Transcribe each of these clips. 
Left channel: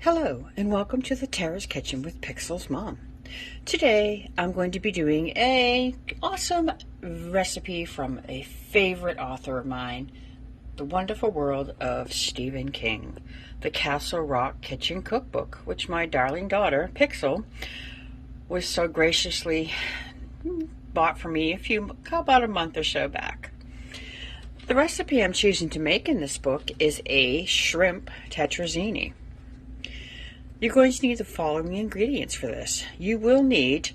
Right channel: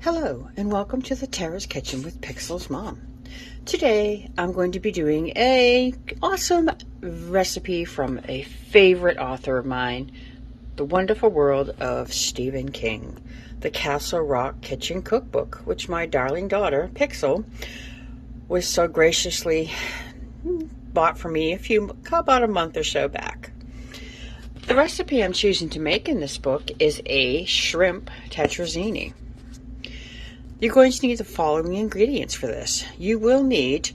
Hello, and welcome to the Terra's Kitchen with Pixel's Mom. Today, I'm going to be doing an awesome recipe from a favorite author of mine, The Wonderful World of Stephen King, the Castle Rock Kitchen Cookbook, which my darling daughter, Pixel, was so graciously bought for me about a month or so back. The recipe I'm choosing to make in this book is a shrimp tetrazzini. You're going to need the following ingredients for this. You will need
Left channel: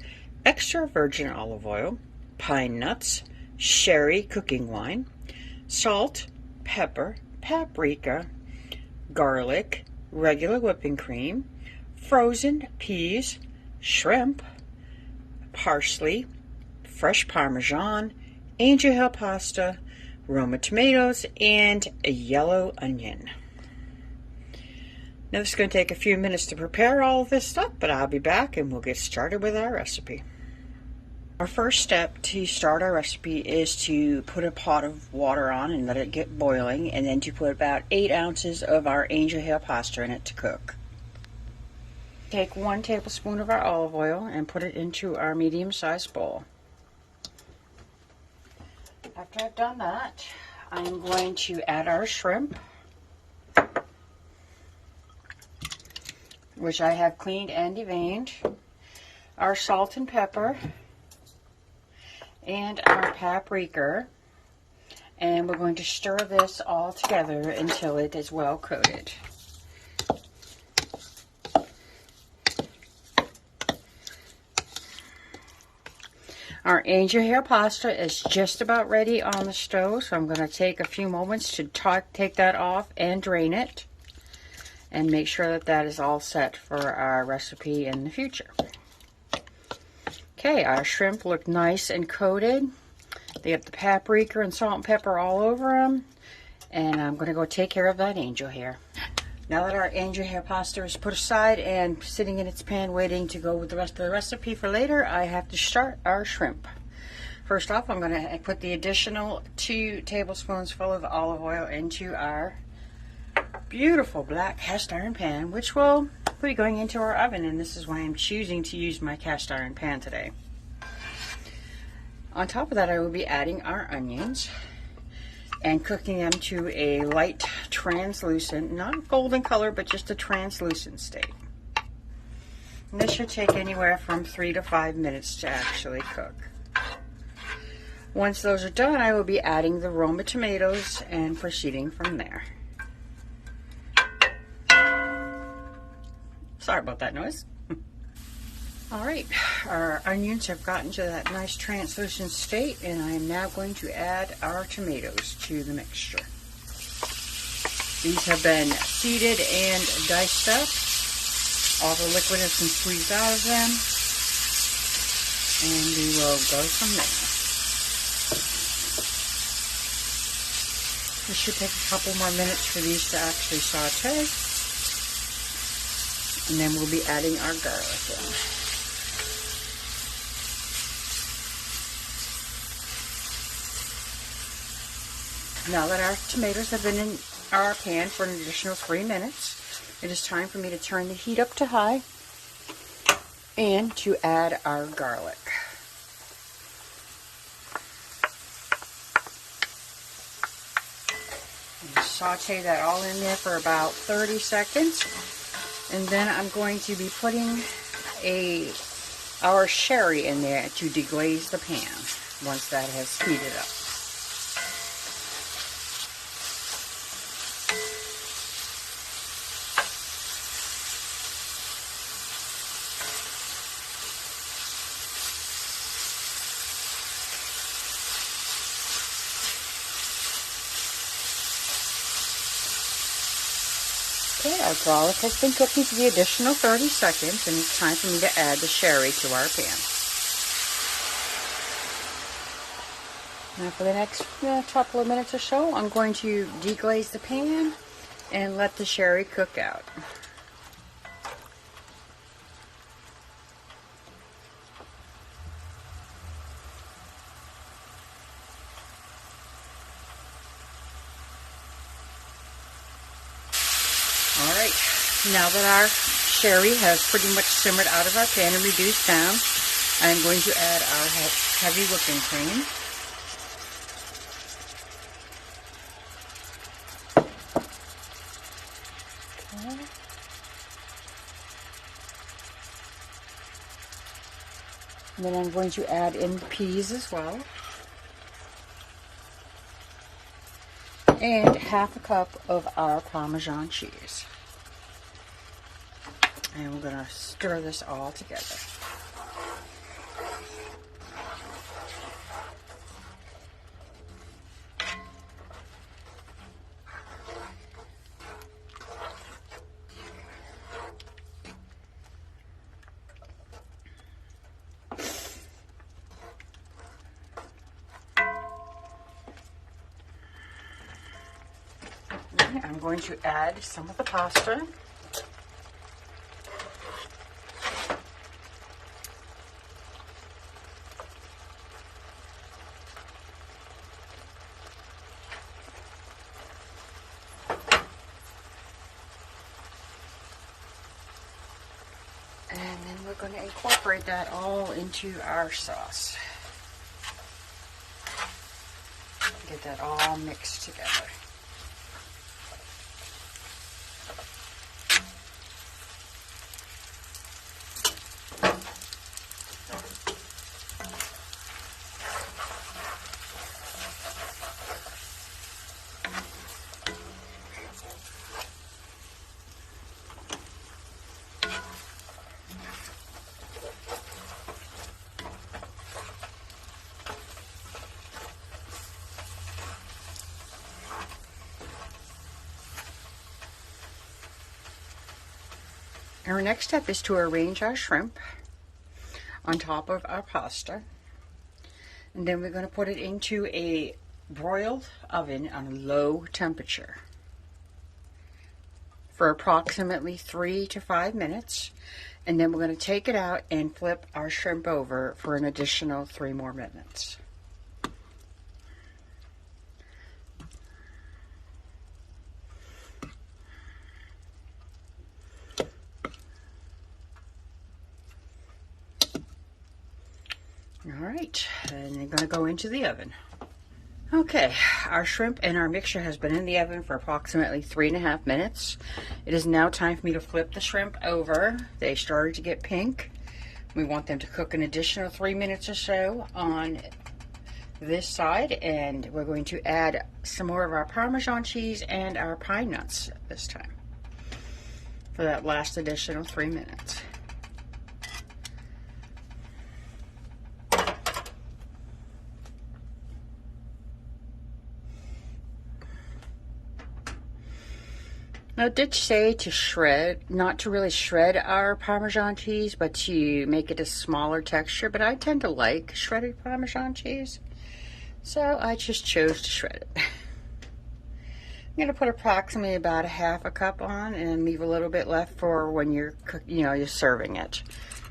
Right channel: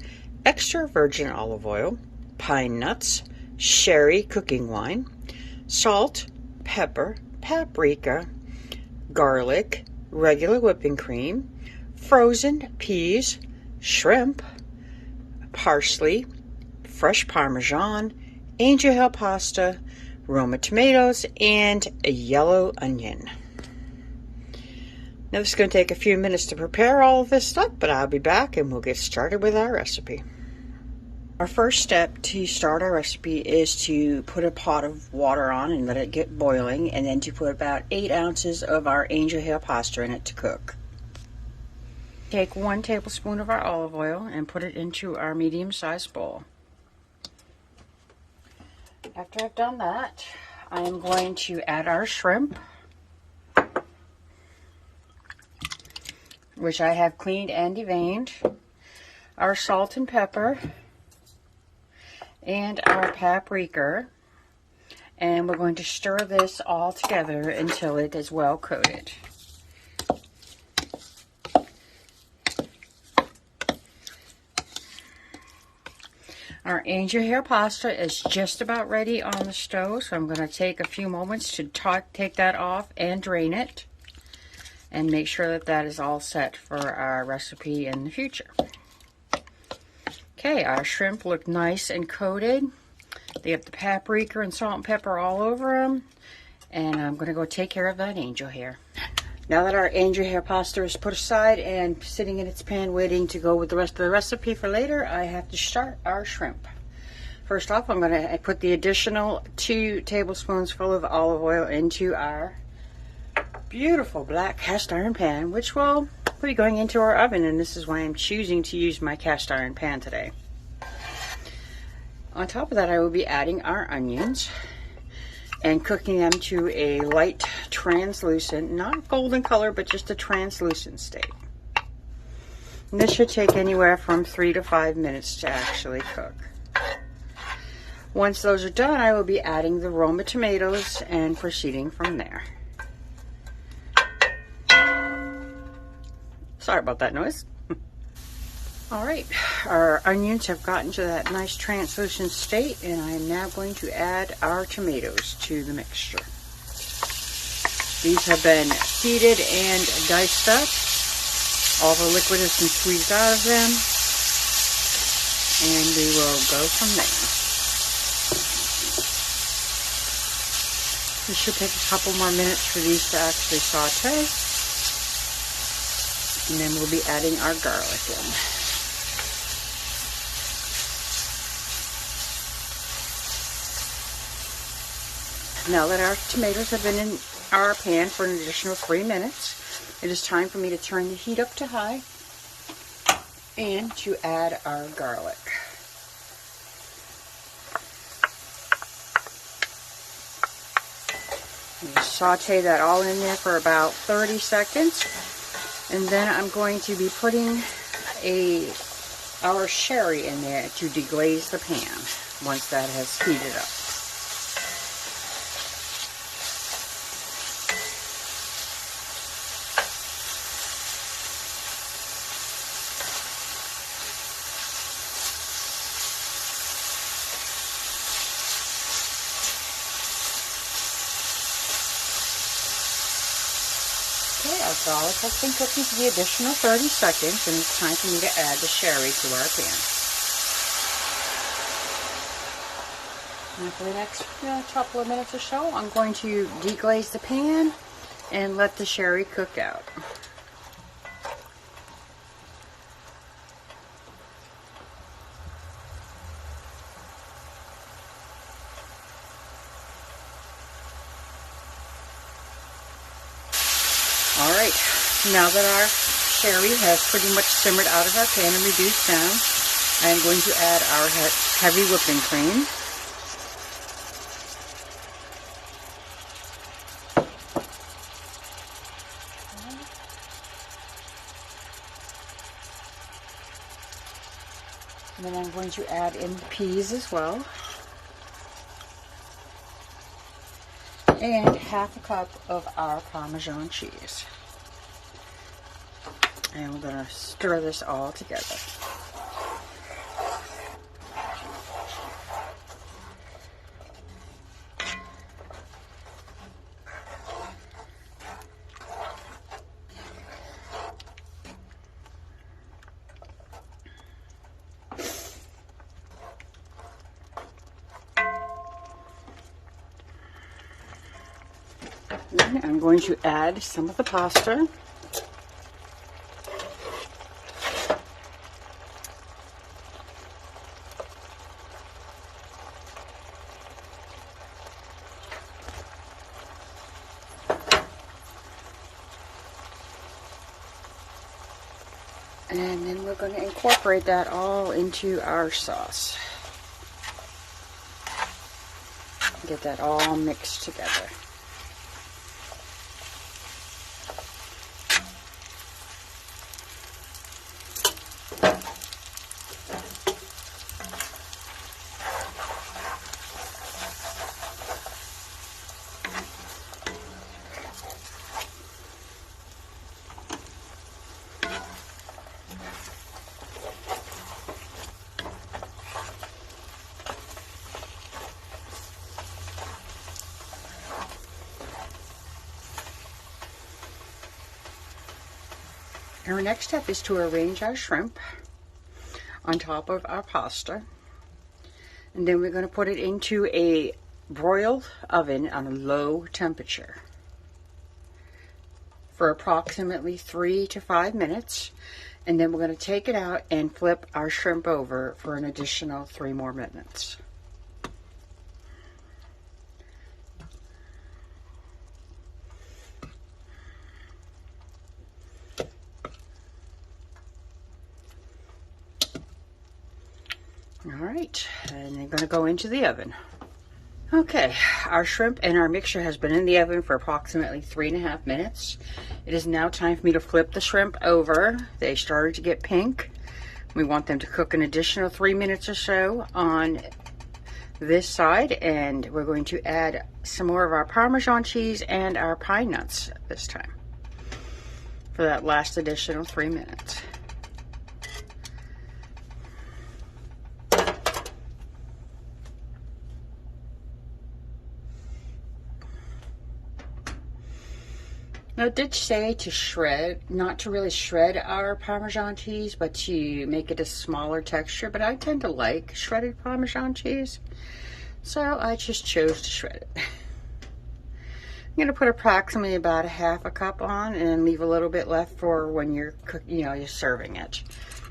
extra virgin olive oil, pine nuts, sherry cooking wine, salt, pepper, paprika, garlic, regular whipping cream, frozen peas, shrimp, parsley, fresh Parmesan, angel hair pasta, Roma tomatoes, and a yellow onion. Now this is going to take a few minutes to prepare all of this stuff, but I'll be back and we'll get started with our recipe. Our first step to start our recipe is to put a pot of water on and let it get boiling, and then to put about 8 ounces of our angel hair pasta in it to cook. Take 1 tablespoon of our olive oil and put it into our medium-sized bowl. After I've done that, I'm going to add our shrimp, which I have cleaned and deveined, our salt and pepper, and our paprika, and we're going to stir this all together until it is well coated. Our angel hair pasta is just about ready on the stove, so I'm going to take a few moments to take that off and drain it, and make sure that that is all set for our recipe in the future. Okay, our shrimp look nice and coated. They have the paprika and salt and pepper all over them, and I'm going to go take care of that angel hair. Now that our angel hair pasta is put aside and sitting in its pan waiting to go with the rest of the recipe for later, I have to start our shrimp. First off, I'm going to put the additional 2 tablespoons full of olive oil into our beautiful black cast iron pan, which will be going into our oven, and this is why I'm choosing to use my cast iron pan today. On top of that, I will be adding our onions and cooking them to a light translucent, not golden color, but just a translucent state. And this should take anywhere from 3 to 5 minutes to actually cook. Once those are done, I will be adding the Roma tomatoes and proceeding from there. Sorry about that noise. All right, our onions have gotten to that nice translucent state, and I am now going to add our tomatoes to the mixture. These have been seeded and diced up. All the liquid has been squeezed out of them, and we will go from there. This should take a couple more minutes for these to actually saute. And then we'll be adding our garlic in. Now that our tomatoes have been in our pan for an additional 3 minutes, it is time for me to turn the heat up to high and to add our garlic. And saute that all in there for about 30 seconds. And then I'm going to be putting our sherry in there to deglaze the pan once that has heated up. Okay, our garlic has been cooking for the additional 30 seconds, and it's time for me to add the sherry to our pan. And for the next couple of minutes or so, I'm going to deglaze the pan and let the sherry cook out. All right, now that our sherry has pretty much simmered out of our pan and reduced down, I'm going to add our heavy whipping cream. And then I'm going to add in peas as well. And half a cup of our Parmesan cheese. And we're going to stir this all together. I'm going to add some of the pasta. And then we're going to incorporate that all into our sauce. Get that all mixed together. Our next step is to arrange our shrimp on top of our pasta. And then we're going to put it into a broiled oven on a low temperature for approximately 3 to 5 minutes. And then we're going to take it out and flip our shrimp over for an additional 3 more minutes. All right, and they're going to go into the oven. Okay, our shrimp and our mixture has been in the oven for approximately 3.5 minutes. It is now time for me to flip the shrimp over. They started to get pink. We want them to cook an additional 3 minutes or so on this side, and we're going to add some more of our Parmesan cheese and our pine nuts this time for that last additional 3 minutes. Now, it did say to shred, not to really shred our Parmesan cheese, but to make it a smaller texture. But I tend to like shredded Parmesan cheese, so I just chose to shred it. I'm going to put approximately about half a cup on and leave a little bit left for when you're you're serving it.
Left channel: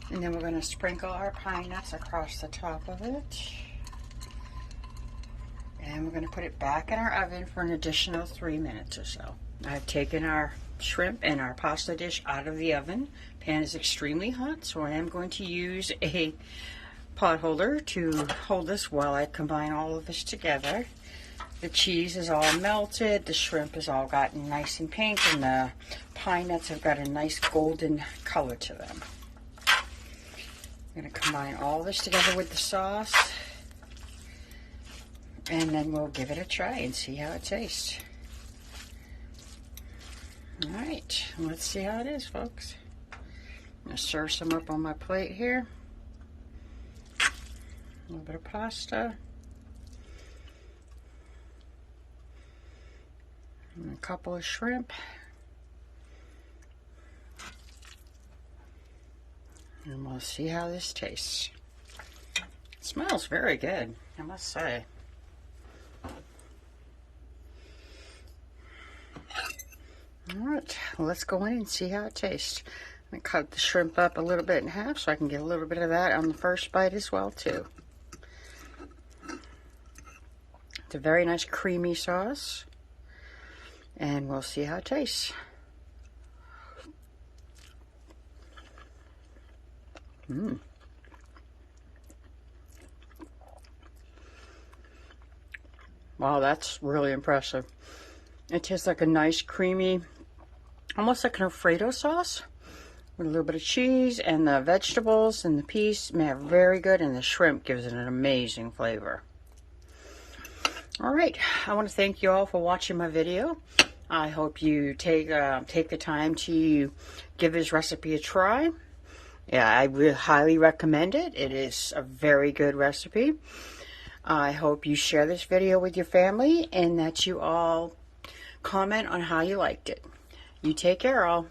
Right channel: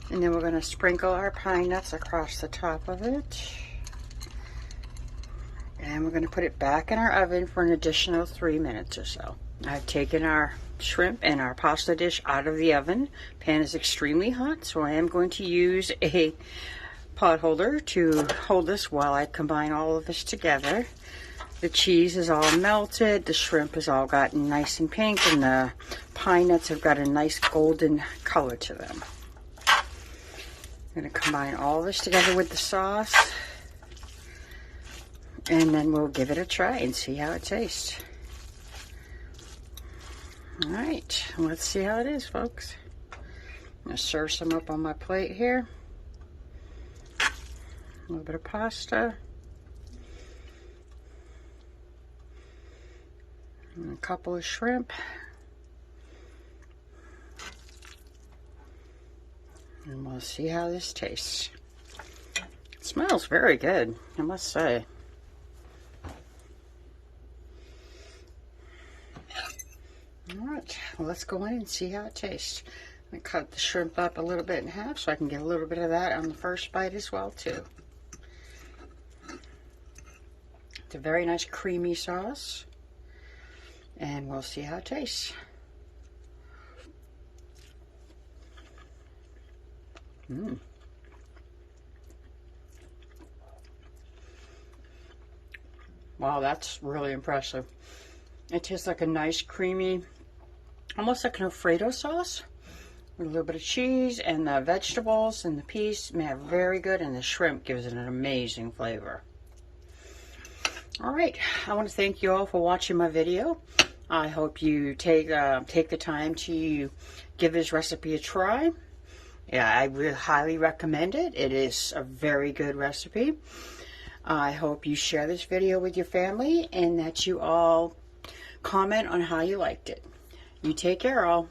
And then we're going to sprinkle our pine nuts across the top of it. And we're going to put it back in our oven for an additional 3 minutes or so. I've taken our shrimp and our pasta dish out of the oven. Pan is extremely hot, so I am going to use a pot holder to hold this while I combine all of this together. The cheese is all melted, the shrimp has all gotten nice and pink, and the pine nuts have got a nice golden color to them. I'm going to combine all this together with the sauce, and then we'll give it a try and see how it tastes. All right, let's see how it is, folks. I'm going to serve some up on my plate here. A little bit of pasta. And a couple of shrimp. And we'll see how this tastes. It smells very good, I must say. Alright, well, let's go in and see how it tastes. I'm going to cut the shrimp up a little bit in half so I can get a little bit of that on the first bite as well, too. It's a very nice creamy sauce, and we'll see how it tastes. Mm. Wow, that's really impressive. It tastes like a nice creamy, almost like an Alfredo sauce with a little bit of cheese, and the vegetables and the peas, man, very good, and the shrimp gives it an amazing flavor. All right, I want to thank you all for watching my video. I hope you take the time to give this recipe a try. Yeah, I really highly recommend it. It is a very good recipe. I hope you share this video with your family and that you all comment on how you liked it. You take care, all.